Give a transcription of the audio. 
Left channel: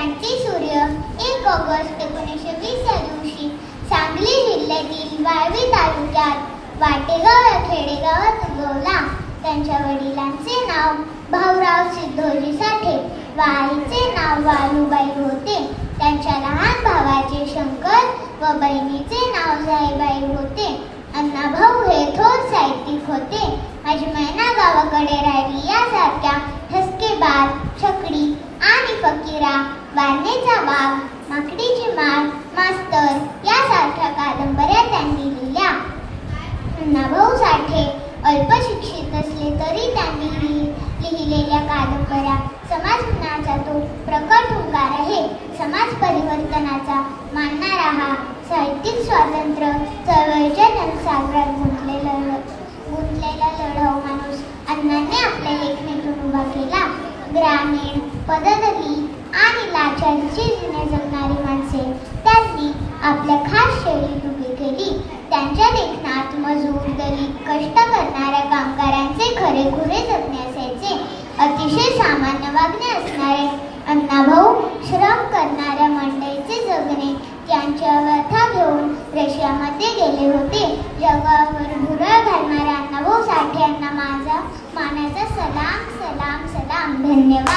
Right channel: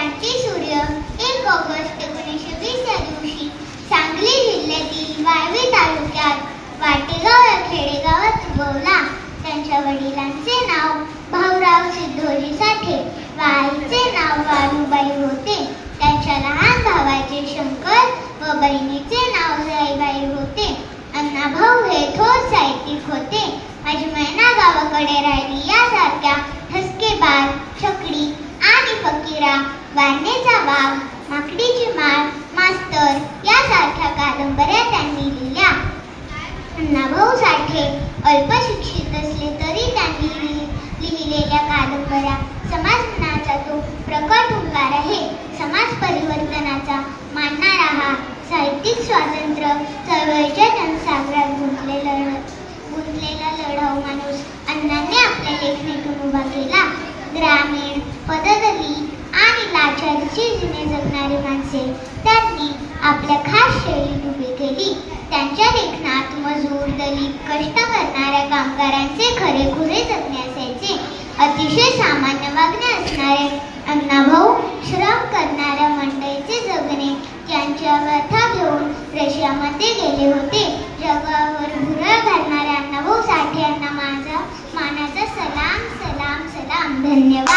क्रांती सूर्य 1 ऑगस्ट 1920 या दिवशी सांगली जिल्ह्यातील वाळवी तालुक्यात वाटेगाव या खेडेगावात उगवला. त्यांच्या वडिलांचे नाव भाऊराव सिद्धोजी साठे व आईचे नाव वाळूबाई होते. त्यांच्या लहान भावाचे शंकर व बहिणीचे नाव जाईबाई होते. अण्णाभाऊ हे थोर साहित्यिक होते. माझी मैना गावाकडे राहिली यासारख्या ठसकेबाज, छकडी आणि फकीरा, वारणेचा वाघ, माकडीची माळ, मास्तर यासारख्या कादंबऱ्या त्यांनी लिहिल्या. अण्णाभाऊ साठे अल्पशिक्षित असले तरी त्यांनी लिहिलेल्या कादंबऱ्या समाजमनाचा तो प्रकट हुंकार आहे. समाज परिवर्तनाचा मानणारा हा साहित्यिक स्वातंत्र्य चळवळीच्या जनसागरात गुंतलेला लढाऊ माणूस अण्णांनी आपल्या लेखणीतून उभा केला. ग्रामीण, पददलित आणि लाचारीची जीवने जगणारी माणसे त्यांनी आपल्या खास शैलीत उभी केली. त्यांच्या लेखनात मजूर, दलित, कष्ट करणाऱ्या कामगारांचे खरेखुरे जगणे असायचे. अतिशय सामान्य वागणे असणारे अण्णाभाऊ श्रम करणाऱ्या मंडळीचे जगणे त्यांच्या व्यथा घेऊन रशियामध्ये गेले होते. जगावर भुरळ घालणाऱ्या अण्णाभाऊ साठे यांना माझा मानाचा सलाम सलाम सलाम. धन्यवाद.